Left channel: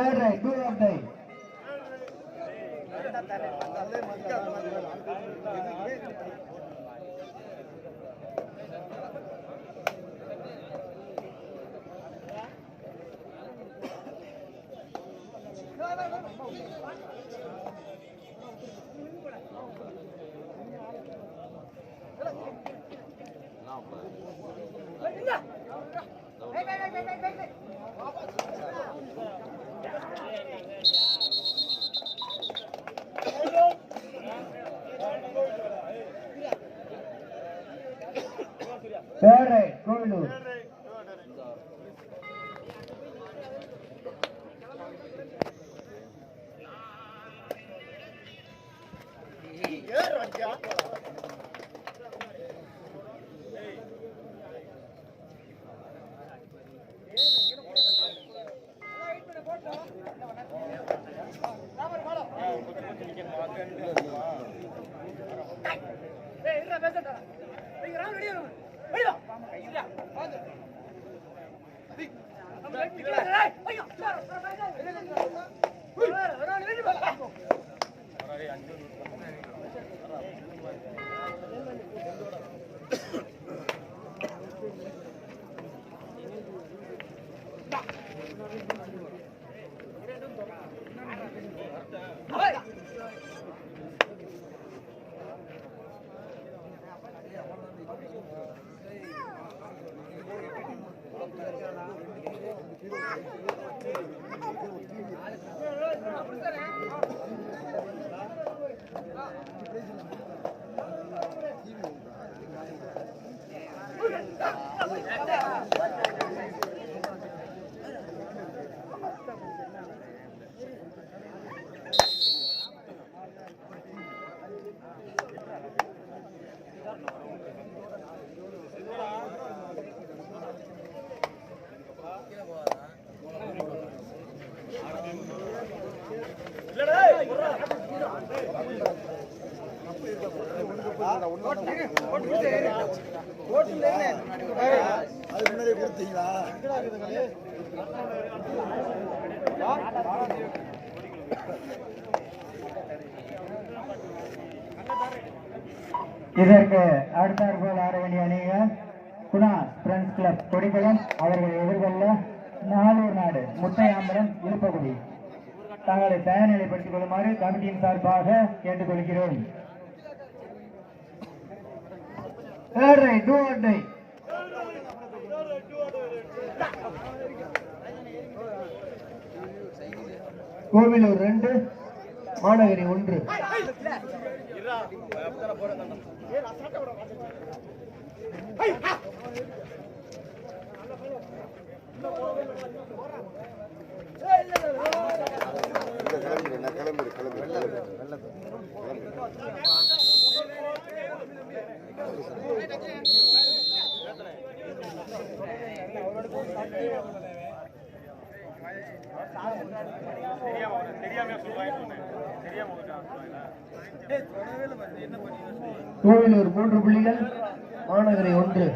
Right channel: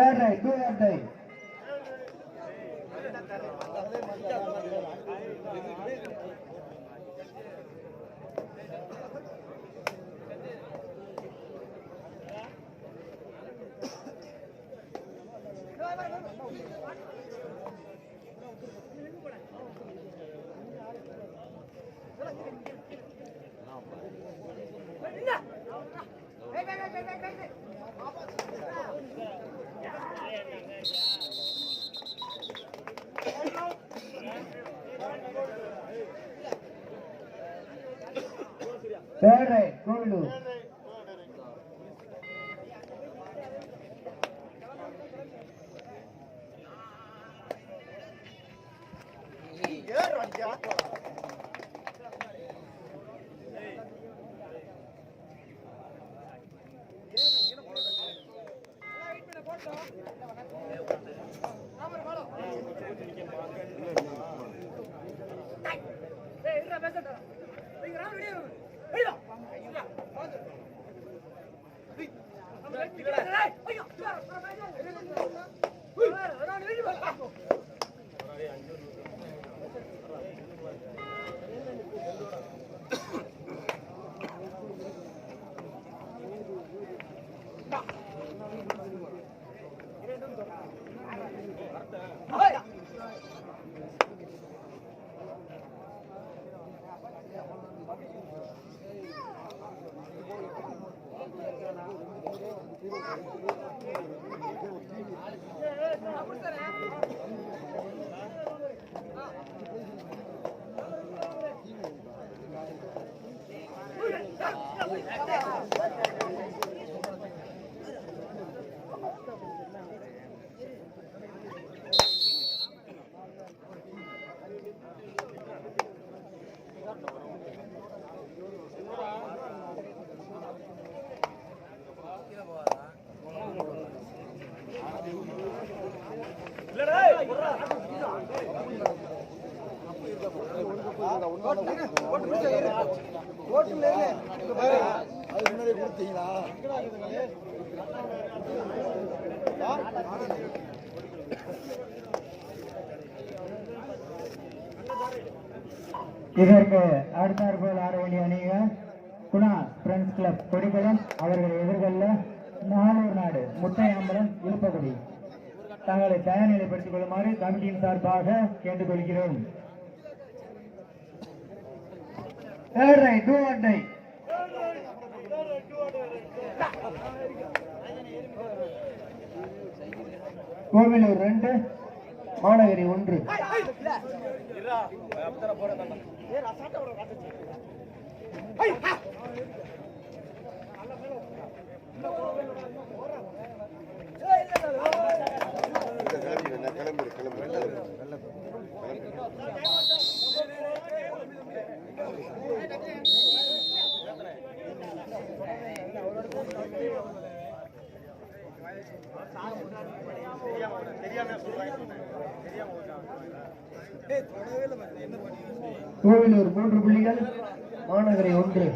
All right, do or die. All right, go loose. இதற்கு அடுத்தாற்போல் ஆட வேண்டிய அணிகள் குணா ஃப்ரெண்ட்ஸ் கிளப் கொடிக்குளம். அவர்களை எதிர்கொள்ள நாளூர் நாடு முட்டையாம்பலம் இழுப்பகுடி. தங்களை தயார் நிலைப்படுத்திக் கொள்ளுமாறு கமிட்டியின் சார்பாக கேட்டுக்கொள்கிறோம். கோவிலூர் 2 மாநகரி 1. கோவிலூர் 3 புள்ளிகள், மாநகரை 1.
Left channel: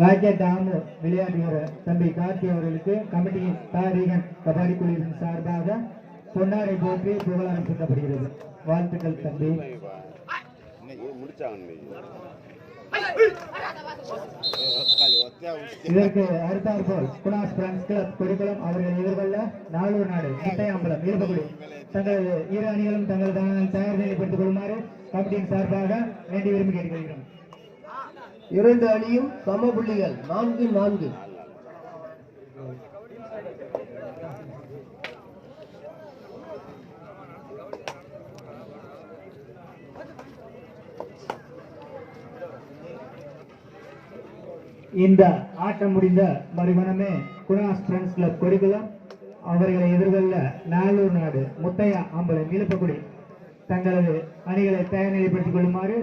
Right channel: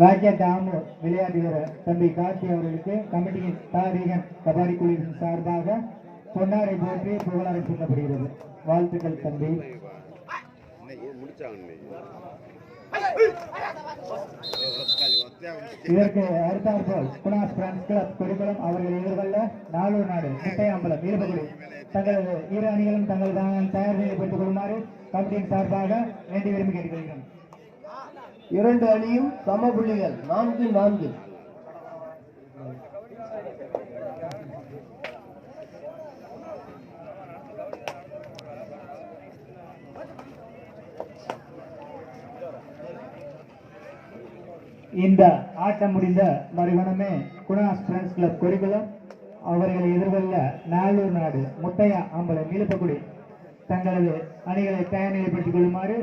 ராக்கெட் ஆம் விளையாடுகிற தம்பி கார்த்தி அவர்களுக்கு கமிட்டியின் தாரீகன் கபாடி குழுவின் சார்பாக பொன்னாரை போற்றி புகழாரம் சூட்டப்படுகிறது. வாழ்த்துக்கள் தம்பி. இதற்கு அடுத்தாற்போல் குணாஸ் பிரான்ஸ் கிளப் கொடிக்குளம் அவர்கள் எதிர்கொள்ள நாளூர் நாடு முட்டையாம்பலம் இருபகுடி தங்களது இரு அணிகளும் தங்கள் தயார் நிலைப்படுத்திக் கொள்ளுமாறு கமிட்டியின் சார்பாக வேண்டி விரும்பி கேட்டுக்கொள்கிறோம். இரண்டு அணியும் சம புள்ளிகள் 4-4. இந்த ஆட்டம் முடிந்த மறுகணமே குணாஸ் பிரான்ஸ் கிளப் கொடிக்குளம் அவர்களை எதிர்கொள்ள நாளூர் நாடு முட்டையா அம்பலம் இழுப்பக்குடி தங்களது அணிகளை தயார் நிலைப்படுத்திக் கொள்ளுமாறு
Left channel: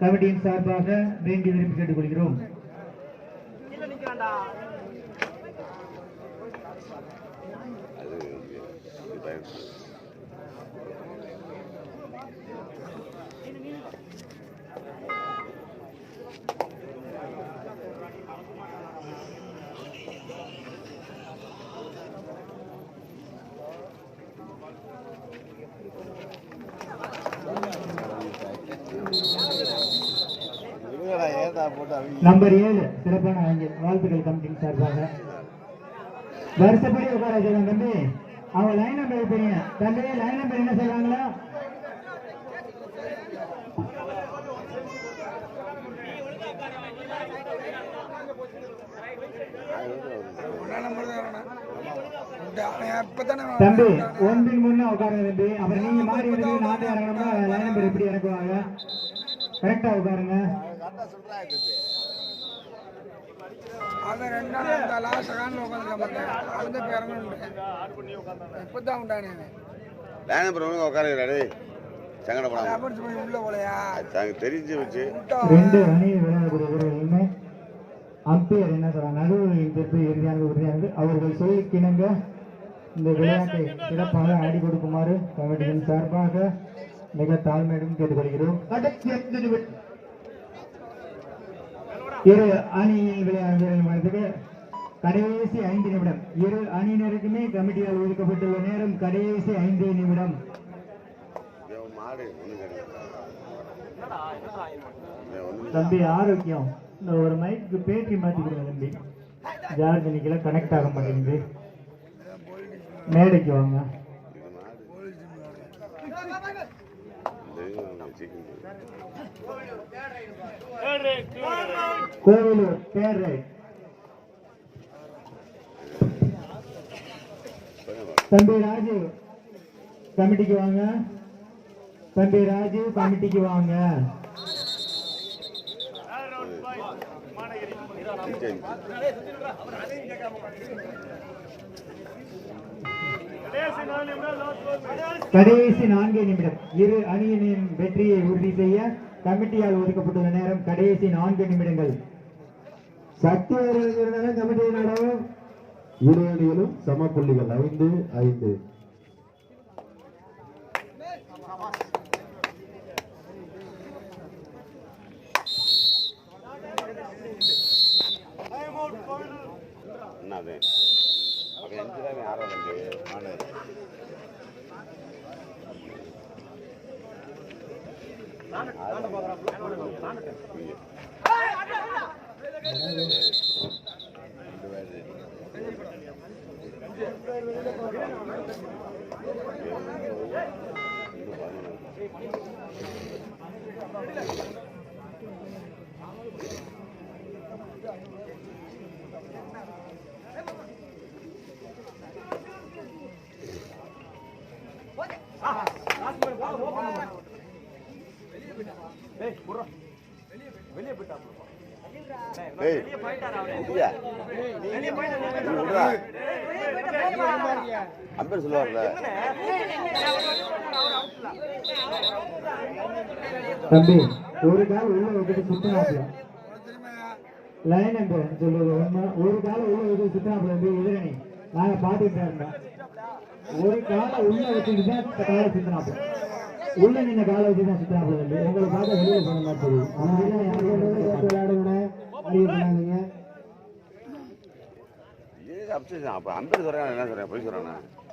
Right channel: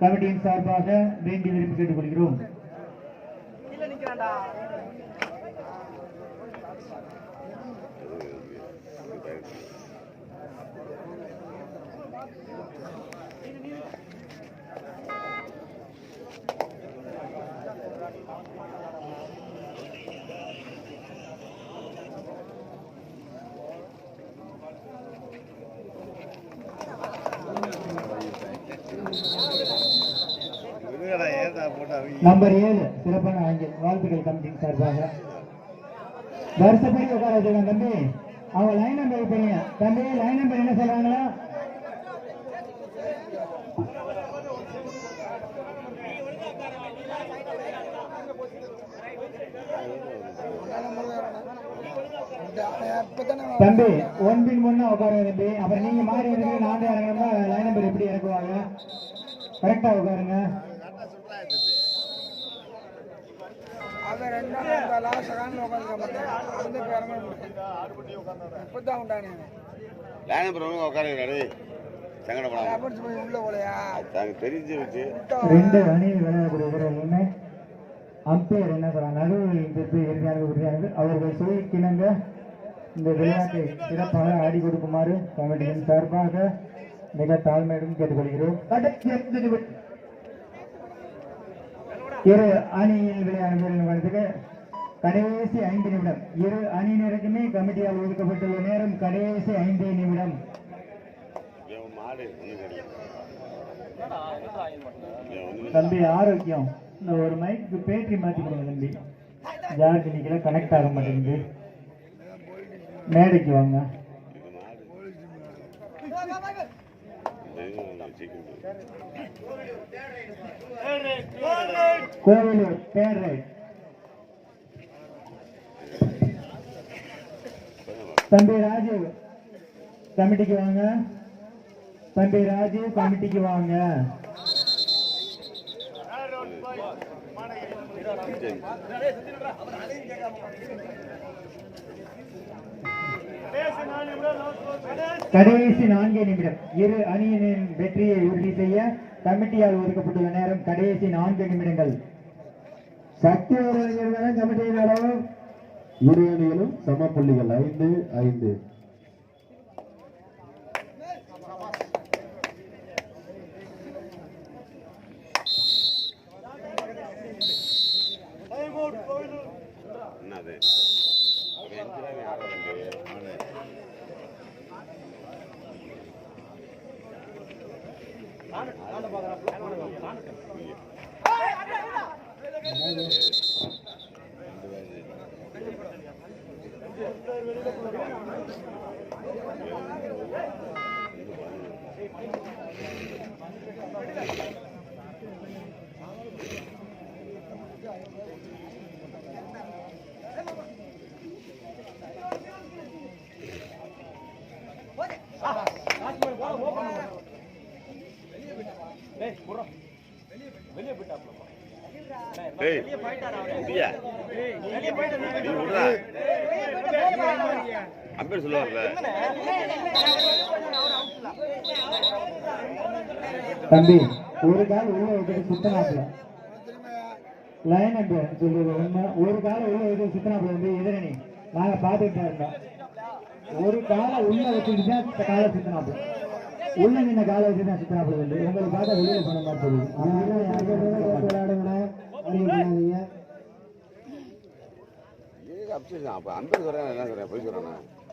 கமிட்டியின் சார்பாக வேண்டி விரும்பி கேட்டுக்கொள்கிறோம். நம்பர் 7 சிறப்பான வாழ்த்துக்கள் கமிட்டியின் சார்பாக. வருஷப்படி உட்கார சொல்லுங்க தம்பி. அவங்க லைன் நம்பர் வைப்பீங்க தம்பி. லைன் நம்பர் என்ன சொல்றாங்களா? தம்பி ஒன்றின் முன்ன உட்காருங்க தம்பி. அப்புறம் நீங்க மாறி வந்து நாட்டை இறங்கணும்னா லைன் நம்பர் எப்படி இறக்குவாங்க? கரெக்டா உட்காருங்க. ரெண்டு அணி விளையாடுகிறவர்களுமே அம்பையர் என்ன சொல்றாங்க, நடுவில் இறுதியானது அவர்கள் சொல்லிக்கிணங்க இந்த விளையாட்டை சிறப்பாக ஆடி கொடுக்குமாறு கமிட்டியின் சார்பாக மிக தாழ்மையுடன் கேட்டுக்கொள்கிறோம். இரு அணியில் விளையாடுவதற்கு கடைசி 5 நிமிடம். இரு அணியினருக்குமே கமிட்டியால் ஒதுக்கப்பட்டுள்ள நேரம் கடைசி 5 நிமிடம். தம்பி ஆரோக்கியம் இந்த ஒரு மைக்கு பேட்டி மாற்றிக்கிறேன் தம்பி. ஜார்ஜ் இன்னைக்கு கனெக்ட் ஆக மாட்டேங்குது. மேடைக்கு வாங்க. Kovilur third right. தம்பி ராஜீவ் கமிட்டிக்கு வாங்க. தம்பி ராஜீவ் கமிட்டிக்கு வாங்க. கடைசி 4 நிமிடம். இரு அணியினின் வெற்றியை உறுதி செய்ய கமிட்டியால் ஒதுக்கப்பட்டுள்ள நேரம் கடைசி 4 நிமிடங்கள். சக்தி கமிட்டியின் அளவு இரு அணிகளும் சம புள்ளிகள் 5-5. அம்பேர் சொல்லுவார்ல தம்பி ஒரு கால் உள்ள விட்டு சுத்தனாப்ல லைன் என்று சொல்லுவது ஒரு கால உள்ள விட்டு சுத்தனாப்ல வந்து எதிரணி நாங்க பாத்துக்கிட்டா இருந்தோம். ஒரு கால உள்ள வச்சுட்டு கால சுத்தனாப்ல உள்ள நின்ன கால வச்சுதான் சுத்தனாப்ல இல்லை. உங்களை பார்க்க வெளியே சொன்ன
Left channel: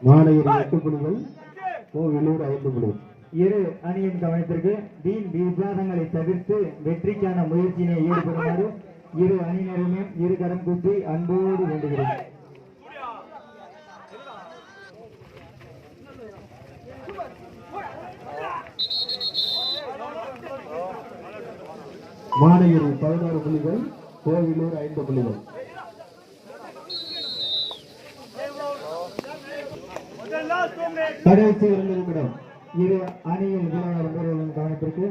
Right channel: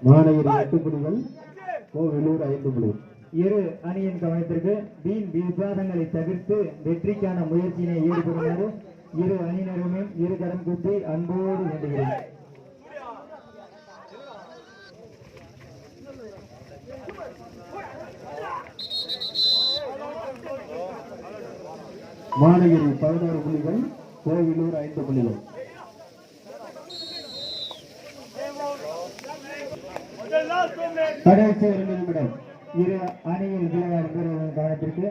மாநகர் 8 புள்ளிகள், கோவிலூர் 5 புள்ளிகள். இரு அணியின் கவனத்திற்கு வீண் விவாதங்களை தவிர்த்து வெற்றிக்கான முயற்சியினை ஈடுபடுமாறு இரு அணியினருமே இரு கரம் கூப்பி அன்போடு வேண்டுகிறேன். மாநகர் 16 புள்ளிகள், கோவிலூர் 5 புள்ளிகள். கடைசி 2 நிமிடம். இரு அணியில் வீரர்களின் கவனத்திற்கு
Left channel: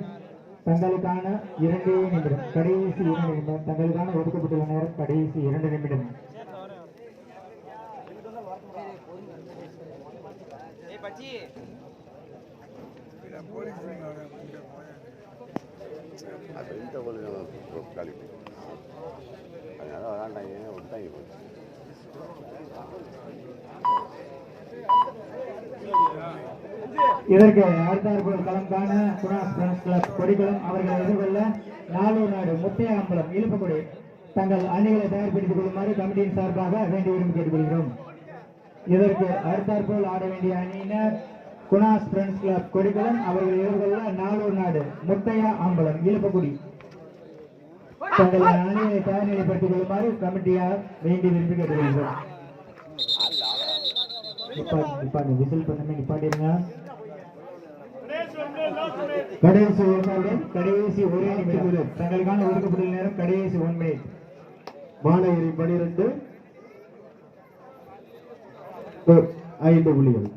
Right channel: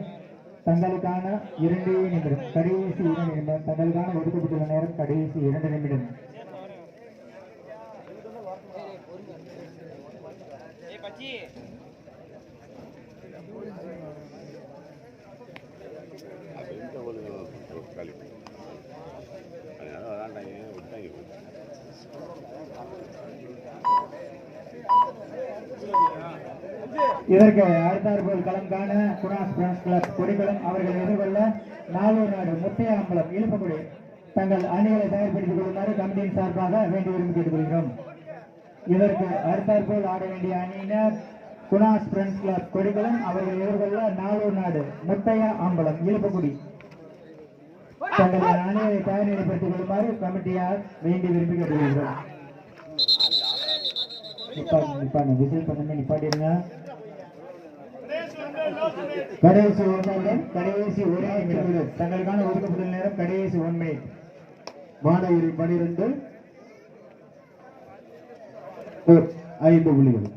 தங்களுக்கான 2 நிமிடம். கடைசி 2 நிமிடம். தங்களுக்கான ஒதுக்கப்பட்டுள்ள நேரம் கடைசி 2 நிமிடம். இதற்கு அடுத்தாற்போல் களம் காண குணாஸ் பிரான்ஸ் கிளப் கொடிகளம் அவர்களை எதிர்கொள்ள நாளூர் நாடு முத்தையாம்பலம் இழுப்பக்குடி தங்கள் அணிகளை தயார்படுத்திக் கொள்ளுமாறு கமிட்டியின் சார்பாக வேண்டியவரும் கேட்டுக்கொள்கிறோம். இதற்கு அடுத்தாற்போல் ஆட வேண்டிய அணியினர் குணாஸ் பிரான்ஸ் கிளப் கொடிகளம் அவர்கள் எதிர்கொள்ள நாளூர் நாடு முத்தையா அம்பலம் இழுப்பக்குடி தங்கள் அணியை தயார் நிலைப்படுத்திக் கொள்ளுமாறு கமிட்டியார் வேண்டி விரும்பி கேட்டுக்கொள்கிறோம். விசில் பண்ணுமே நிப்பாட்டிருங்க. கடைசி 1 நிமிடம். கடைசி 1 நிமிடம். தங்களுக்கான ஒதுக்கப்பட்ட நேரம் கடைசி 1 மினிட். மாநகர் 12, 5 புள்ளிகள்.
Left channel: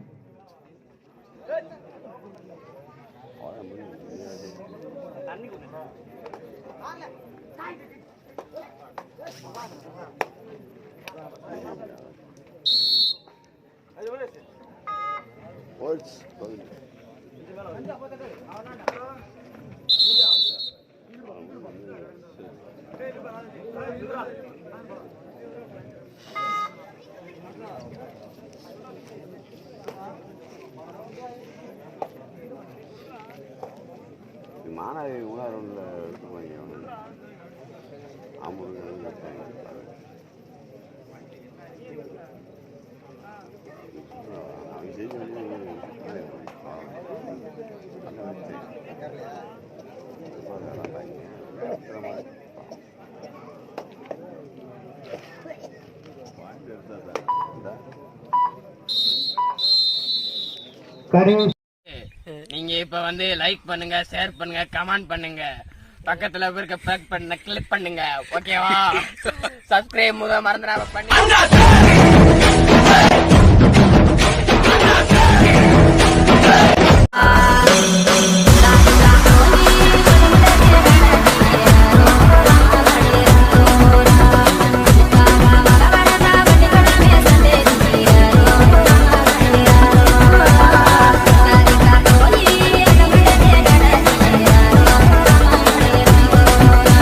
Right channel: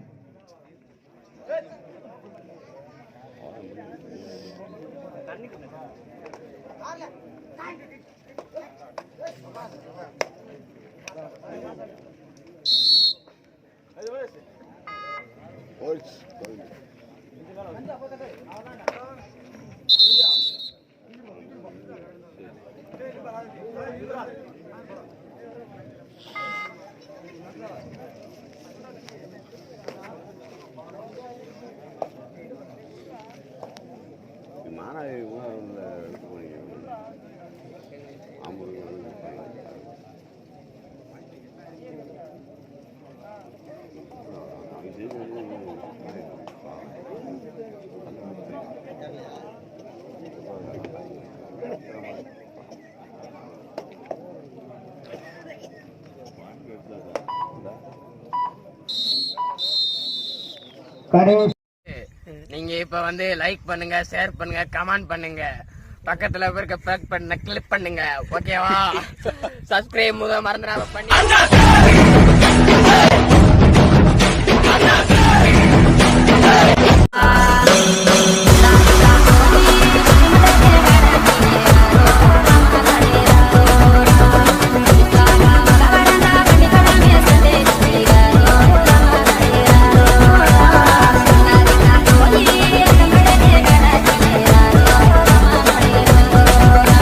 மாநகர் 3 இது பண்ணிக்கிறோம். ஆம்பூர் கரேஷ். நீங்க இப்ப வந்து லைக் பண்ணுங்க, ஷேர் பண்ணுங்க, கமெண்ட் பண்ணுங்க, பக்கத்துல இருக்க பேக் பண்ண கிளிக் பண்ணுங்க. ஓகேவா? சப்ஸ்கிரைப் மறந்துடாம பண்ணி